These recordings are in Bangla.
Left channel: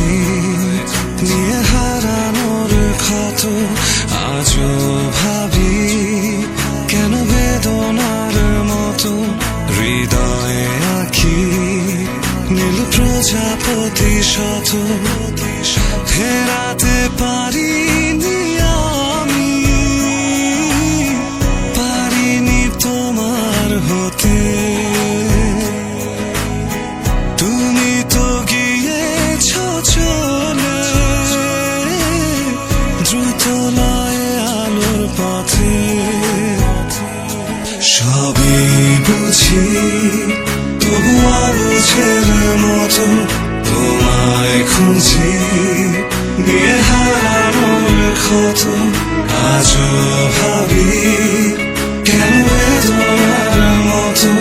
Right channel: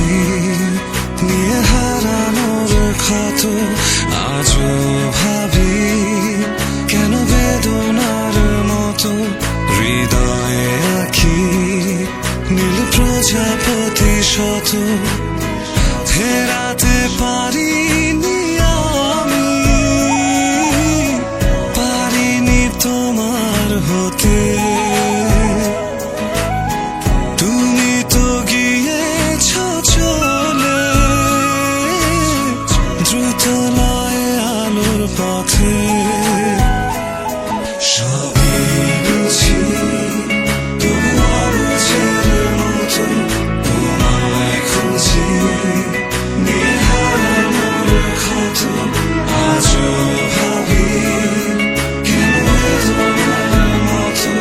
স্মৃতি নিয়ে হারানোর ক্ষত আজও ভাবি, কেন বেদনার মতো হৃদয়ে আঁকি নীল প্রজাপতি শত ফেরাতে পারিনি আমি, পারিনি তোমার হতে। তুমি তো গিয়েছ চলে দ্রুত লয়ে আলোর পথে, সবই বুঝি তবু অবুঝের মতো তোমায় খুঁজি নিয়ে হারানোর ক্ষত আজও ভাবি, কেন বেদনার মতো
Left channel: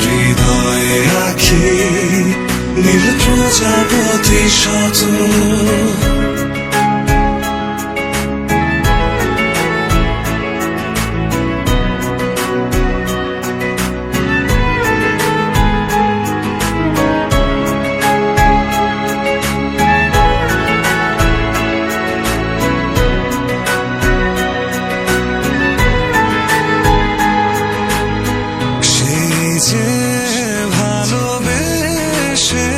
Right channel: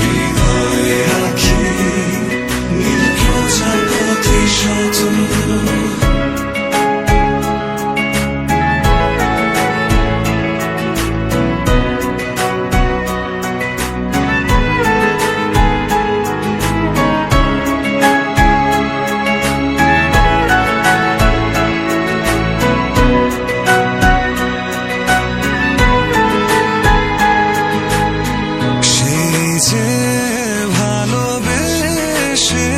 হৃদয়ে আঁকি নীল প্রজাপতি শত। যে ভালোবেসে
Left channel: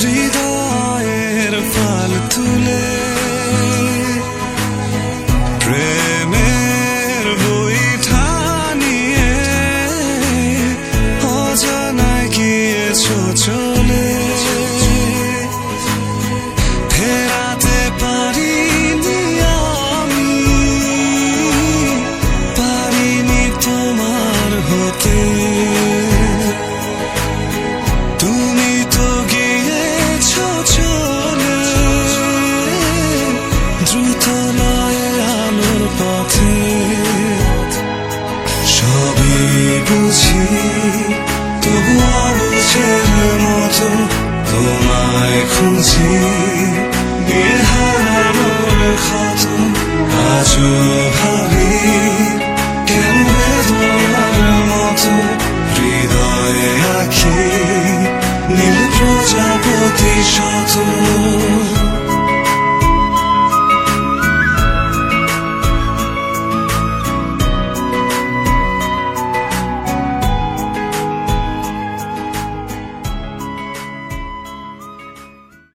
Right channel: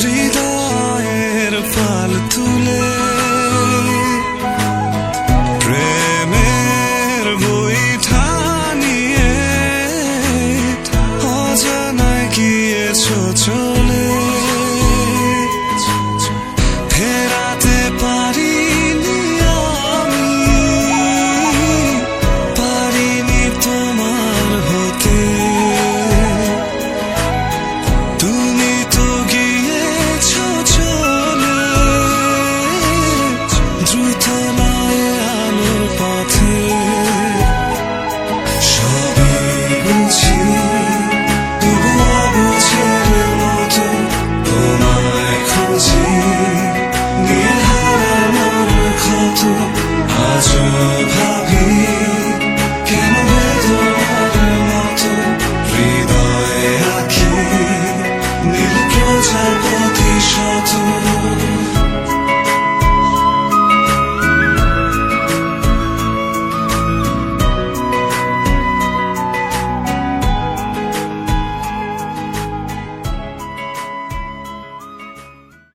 হৃদয়ের পাল তুলে প্রেমের বইটা